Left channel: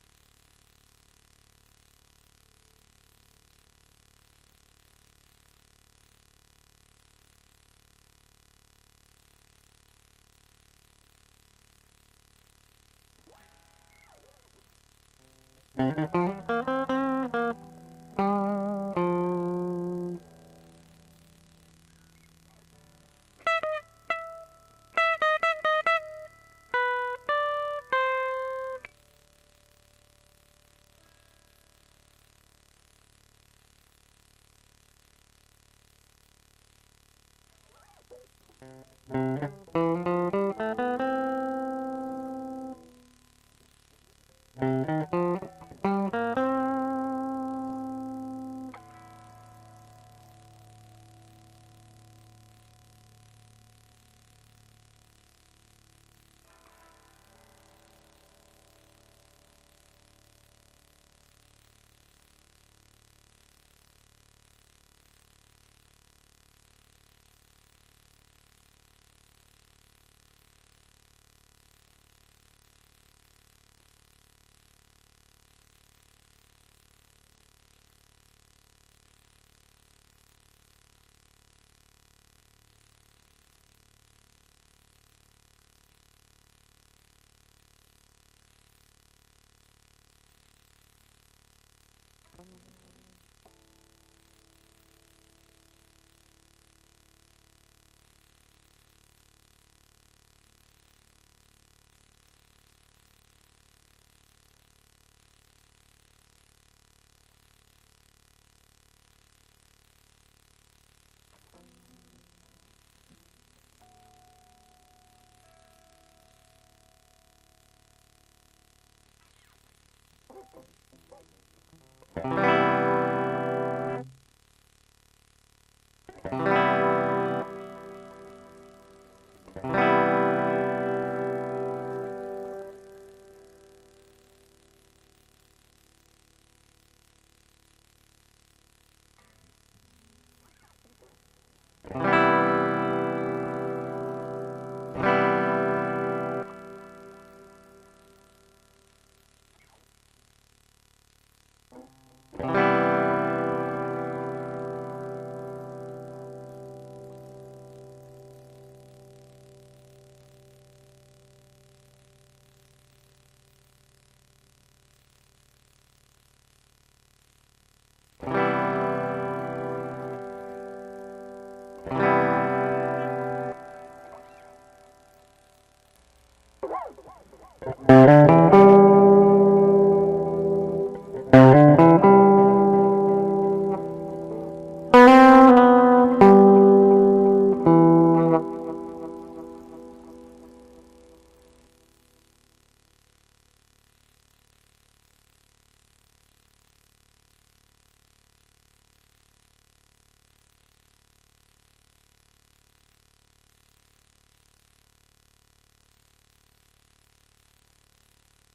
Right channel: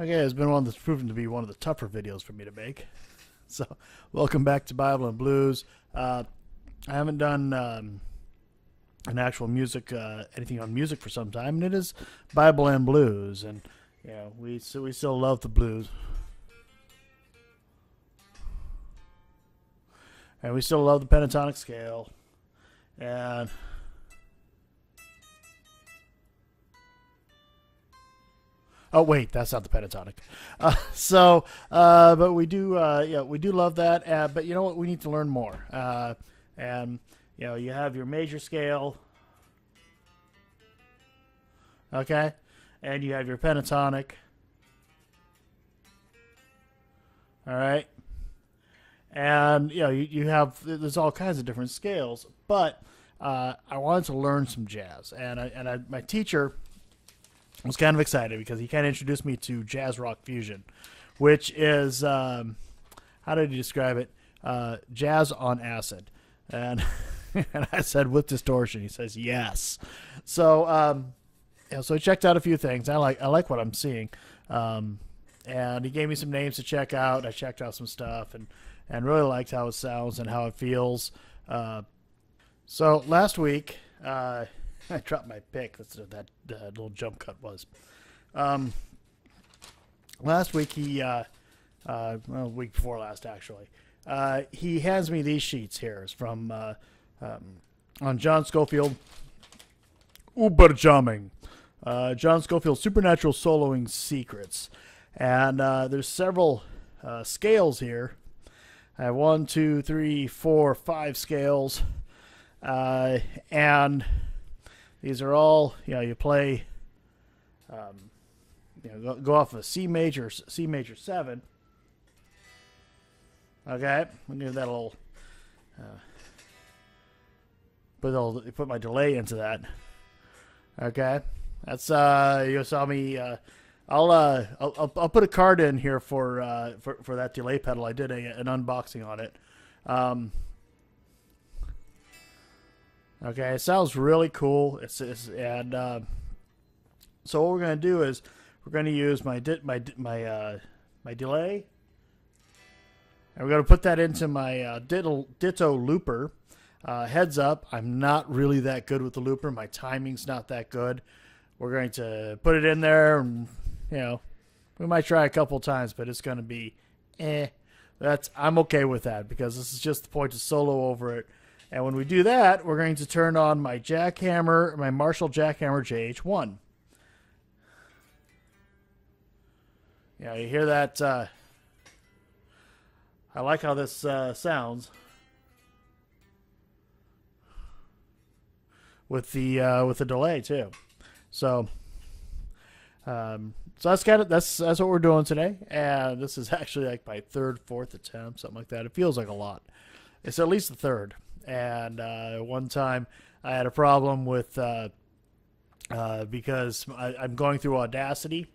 Okay, it's been one that's proven to be one of the tougher videos for me to make. So, welcome back to Bible and Blues. I haven't done an actual music, anything on music for some time, and it is Bible and Blues, and we still love the blues, and we still love the pentatonic scale, and oh wait, that's not the pentatonic. But we do, we do love that. But you know what? We need to learn more. And you have your major scale, okay, and you have your pentatonic. All right, and you have there's all kinds of different scales. But I wanted to learn some jazz, and my teacher was kind of excited because he kind of introduced me to jazz rock fusion, which is how did he describe it? Jazz on acid, and and I said with distortion. He says yes. So so I checked out a few things. I like what I'm seeing, and he gave me some names to check out. I checked out some stuff and really liked how it sounds and how it feels. So last week. I dropped my pick. That's what that little jump cut was. Last week week before last actually, he hands me these sheets here. It's from on John Scofield. Uberjamming. John Scofield Supernatural Soloing Secrets, and there's several scales here. I have 1, 2, 3, 4, 5 scales, and these are all, you play, go off of C major 7. Okay, we'll give that a little, put my delay into that. Okay, that's, you saw me, I'll put a card in here for that delay pedal. I did an unboxing on it. Okay, it sounds really cool. It says, and so what we're gonna do is we're gonna use my delay. We're gonna put that into my ditto looper. Heads up, I'm not really that good with the looper. My timing's not that good. We're going to put it in there, and we might try a couple times, but it's gonna be, I'm okay with that because it's just the point to solo over it. And when we do that, we're going to turn on my jackhammer, my Marshall Jackhammer JH1. You hear that? I like how this sounds with the delay too. So that's that's what we're doing today. And this is actually like my third, fourth attempt, something like that. It feels like a lot. It's at least the third. And one time I had a problem with because I'm going through Audacity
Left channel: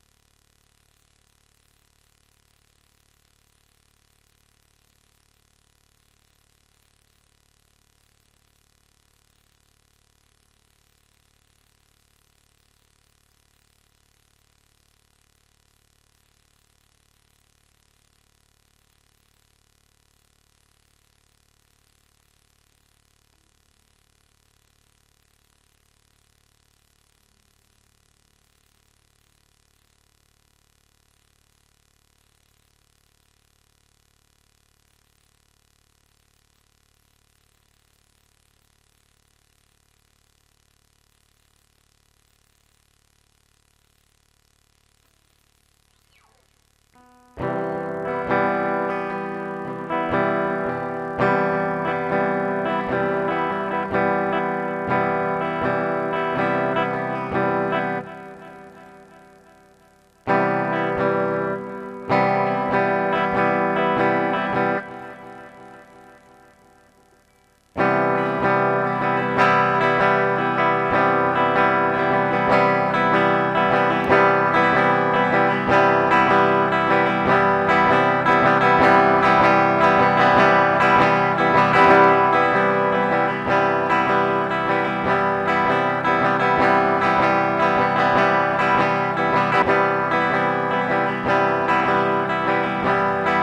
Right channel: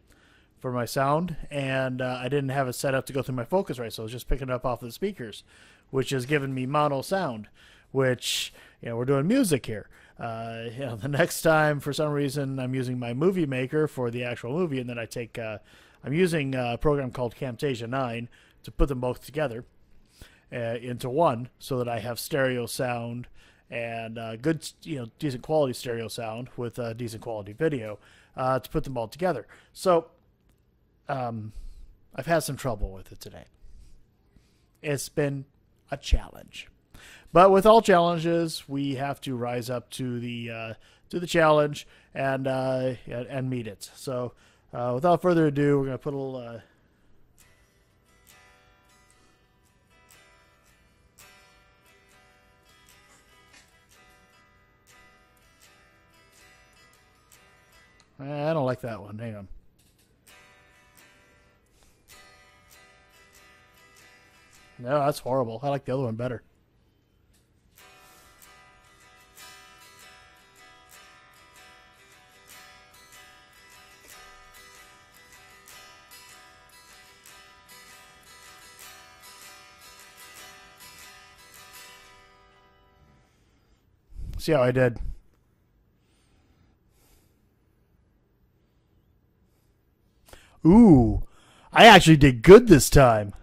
for my sound, and I didn't have it set up to go through my focus right, so I was just picking it up off of the speakers, which has given me mono sound, which, we're doing music here. The next time, for some reason, I'm using my movie maker for the actual movie, and then I'm using a program called Camtasia 9 to put them both together. Into one, so that I have stereo sound and good, decent quality stereo sound with decent quality video to put them all together. So I've had some trouble with it today. It's been a challenge, but with all challenges, we have to rise up to the challenge and meet it. So without further ado, we're gonna put a little. That one, hang on. Oh, that's horrible. I like the other one better. See how I did. Ooh, I actually did good this time.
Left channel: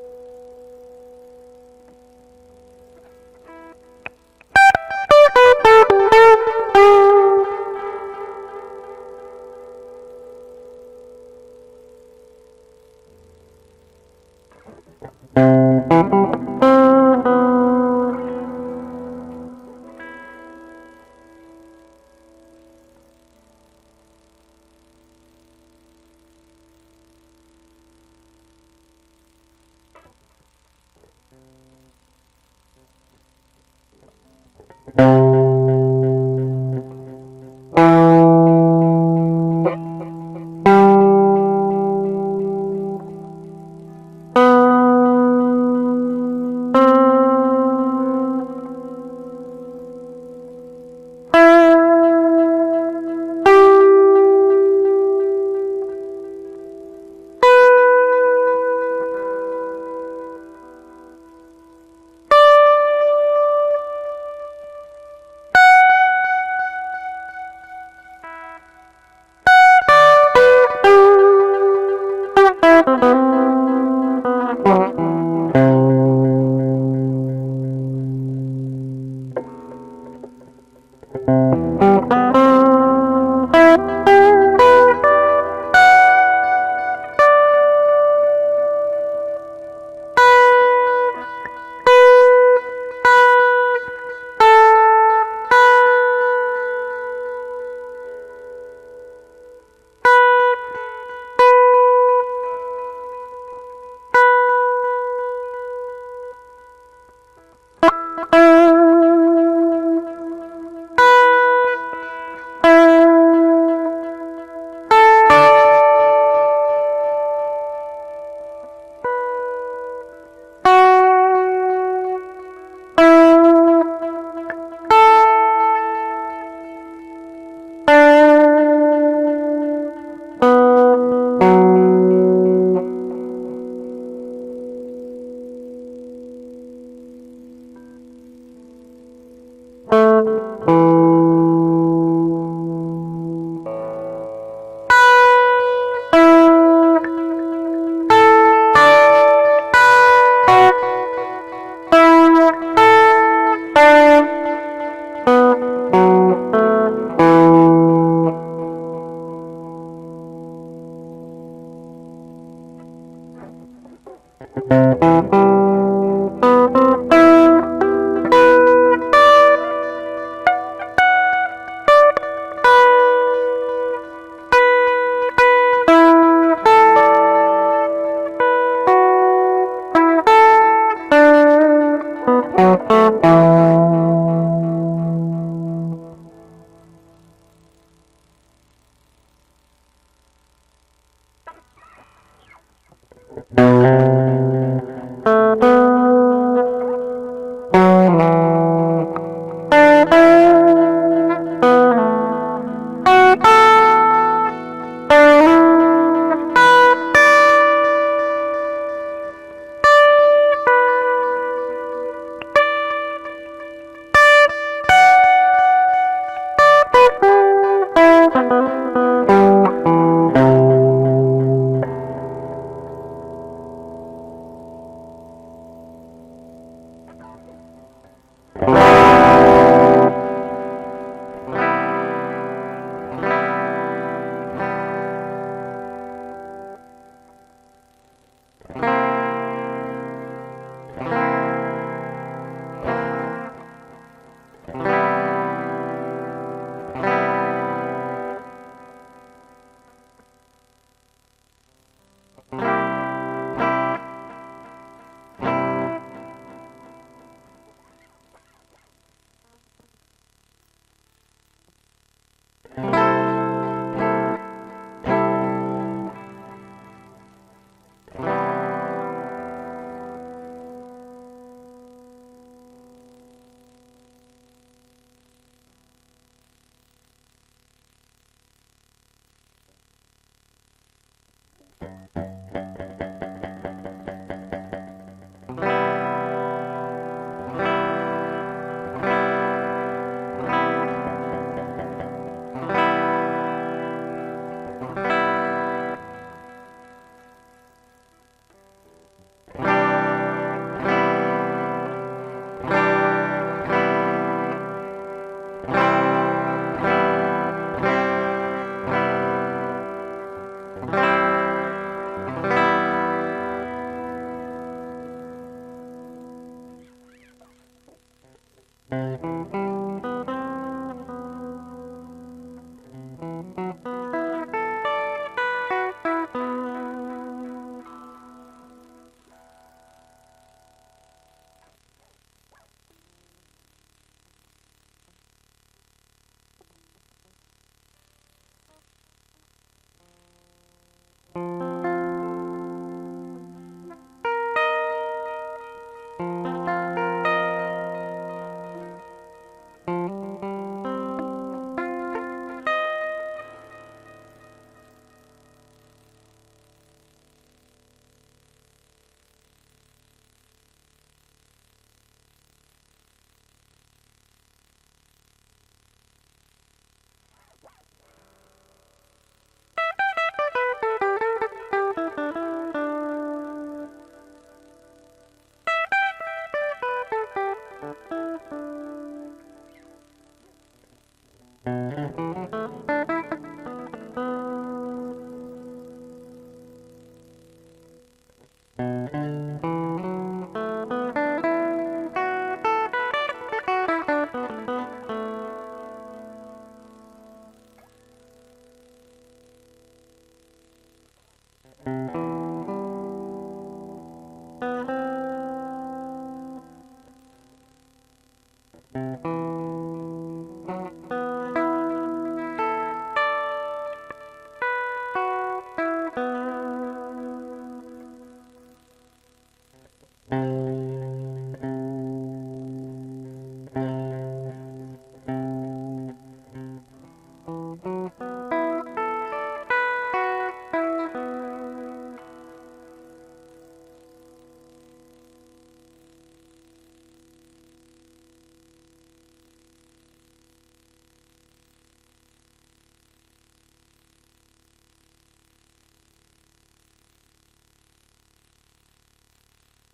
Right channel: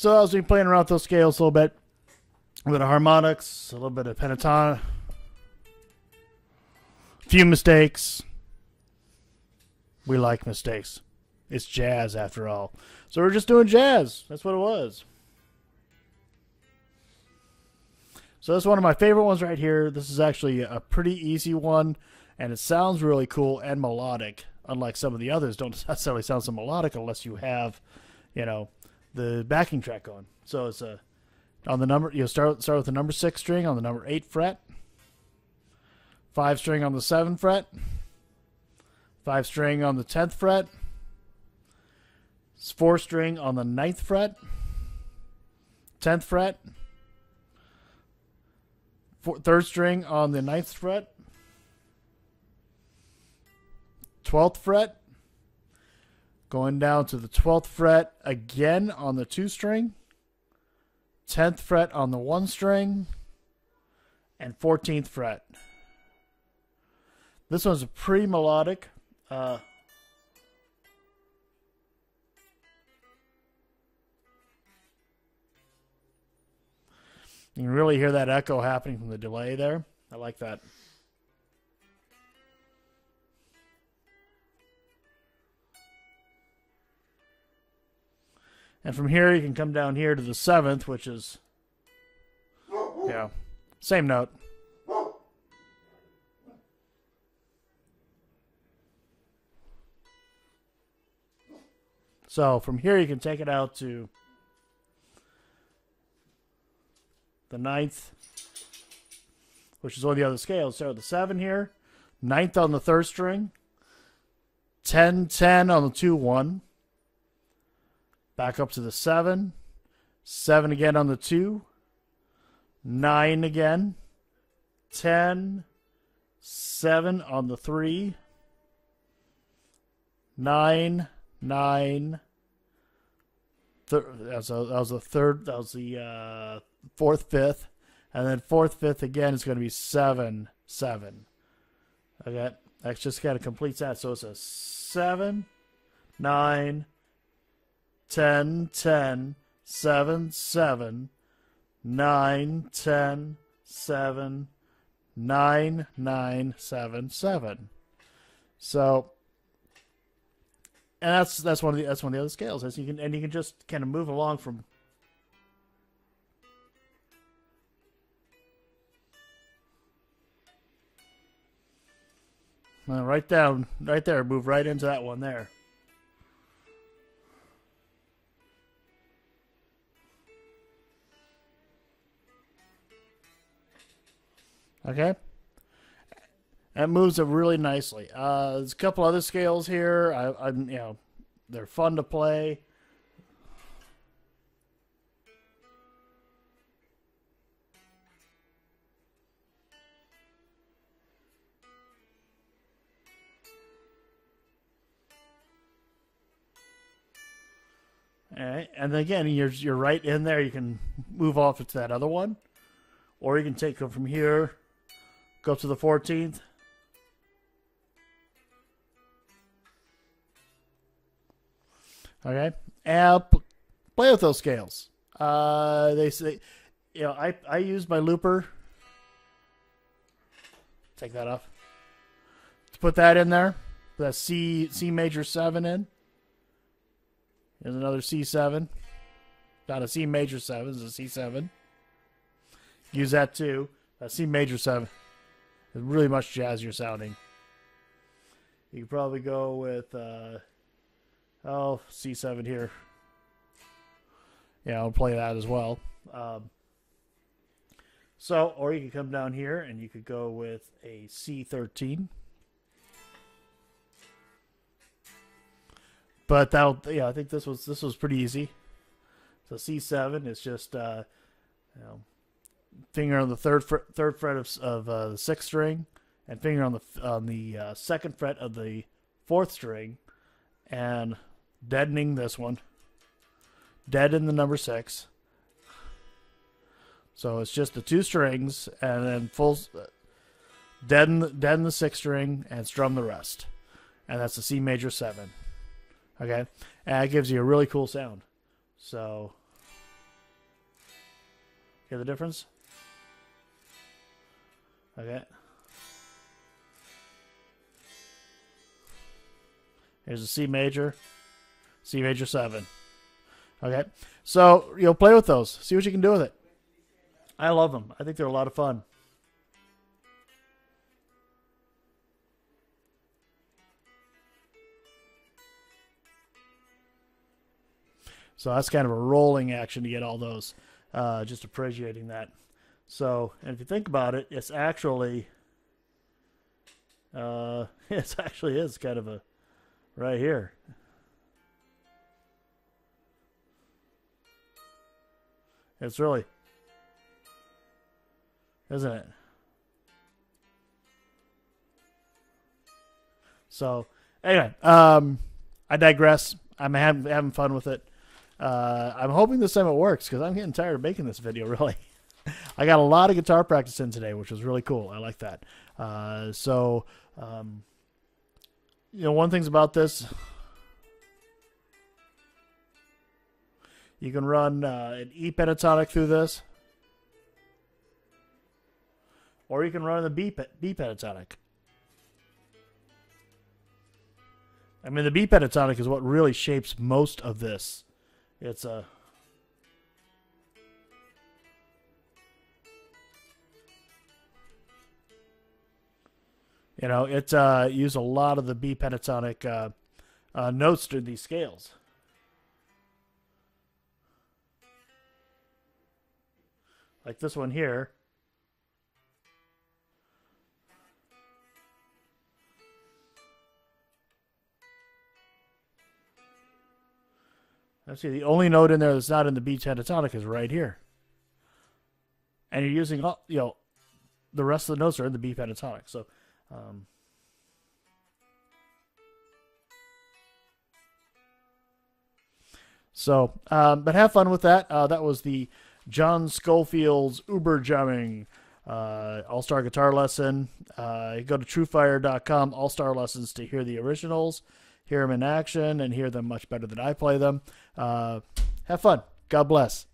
So as we playing around with those scales a little bit, a little bit of harmonics, a little bit of pentatonic, a few mistakes. We like mistakes. It's jazz after all. So we're just doing jazz. That's what it was. So this is one of my favorite ones right here. This is actually a pretty easy one, and it sounds really cool and melodic. Unlike some of the others, don't necessarily sound so melodic unless you have, you know, the backing track on. So it's on the number. You start with the number 6 string on the number 8 fret, 5 string on the 7th fret, 5 string on the 10th fret, 4 string on the 9th fret, 10th fret, 3rd string on the 9th fret, 12th fret, going down to the 12th fret again on the 2 string, 10th fret on the 1 string, and 14th fret. This one's pretty melodic. You can really hear that echo happening from the delay there. I like that. And from here you can come down here to the 7th, which is same note. So from here you can take it out to the 9th, which is one of the other scales. So the 7 here, 9th on the 3rd string, 10, 10 on the 2, 1, back up to the 7, 7 again on the 2, 9 again, 10, 7 on the 3, 9, that was the third. That was the 4th, 5th, and then 4th, 5th again is going to be 7, 7. Okay, that just kind of completes that. So it's a 7, 9, 10, 10, 7, 7, 9, 10, 7, 9, 9, 7, 7. So. And that's one of the other scales. As you can just kind of move along from right there, move right into that one there. Okay, that moves it really nicely. There's a couple other scales here. You know, they're fun to play. And again, you're right in there. You can move off to that other one, or you can go from here, go to the 14th. Play with those scales. They say, you know, I use my looper. Take that off. To put that in there, the C major 7 in. There's another C7. Down a C major 7 is a C7. I'll use that too. A C major 7. Really much jazzier sound. You probably go with C7 here. Yeah, I'll play that as well. Or you could come down here and you could go with a C13. But I think this was pretty easy. The C7 is just finger on the third fret of the 6th string, and finger on the 2nd fret of the 4th string, and deadening this one. Deaden the number 6. So it's just the 2 strings and then full deaden the 6th string and strum the rest. And that's the C major 7. Okay? And it gives you a really cool sound. So, the difference? Okay. Here's a C major 7. Okay. So, play with those. See what you can do with it. I love them. I think they're a lot of fun. So that's kind of a rolling action to get all those. Just appreciating that. So, and if you think about it, it's actually, it actually is kind of a, right here. It's really, isn't it? So, anyway, I digress. I'm having fun with it. I'm hoping this time it works because I'm getting tired of making this video, really. I got a lot of guitar practice in today, which was really cool. I like that. One thing's about this, you can run an E pentatonic through this, or you can run the B pentatonic. I mean, the B pentatonic is what really shapes most of this. It's it used a lot of the B pentatonic notes to these scales. Like this one here. Let's see, the only note in there that's not in the B pentatonic is right here. And you're using, the rest of the notes are in the B pentatonic. But have fun with that. That was the John Scofield's Uber Jamming All-Star Guitar Lesson. Go to truefire.com, All-Star Lessons, to hear the originals, hear them in action, and hear them much better than I play them. Have fun. God bless.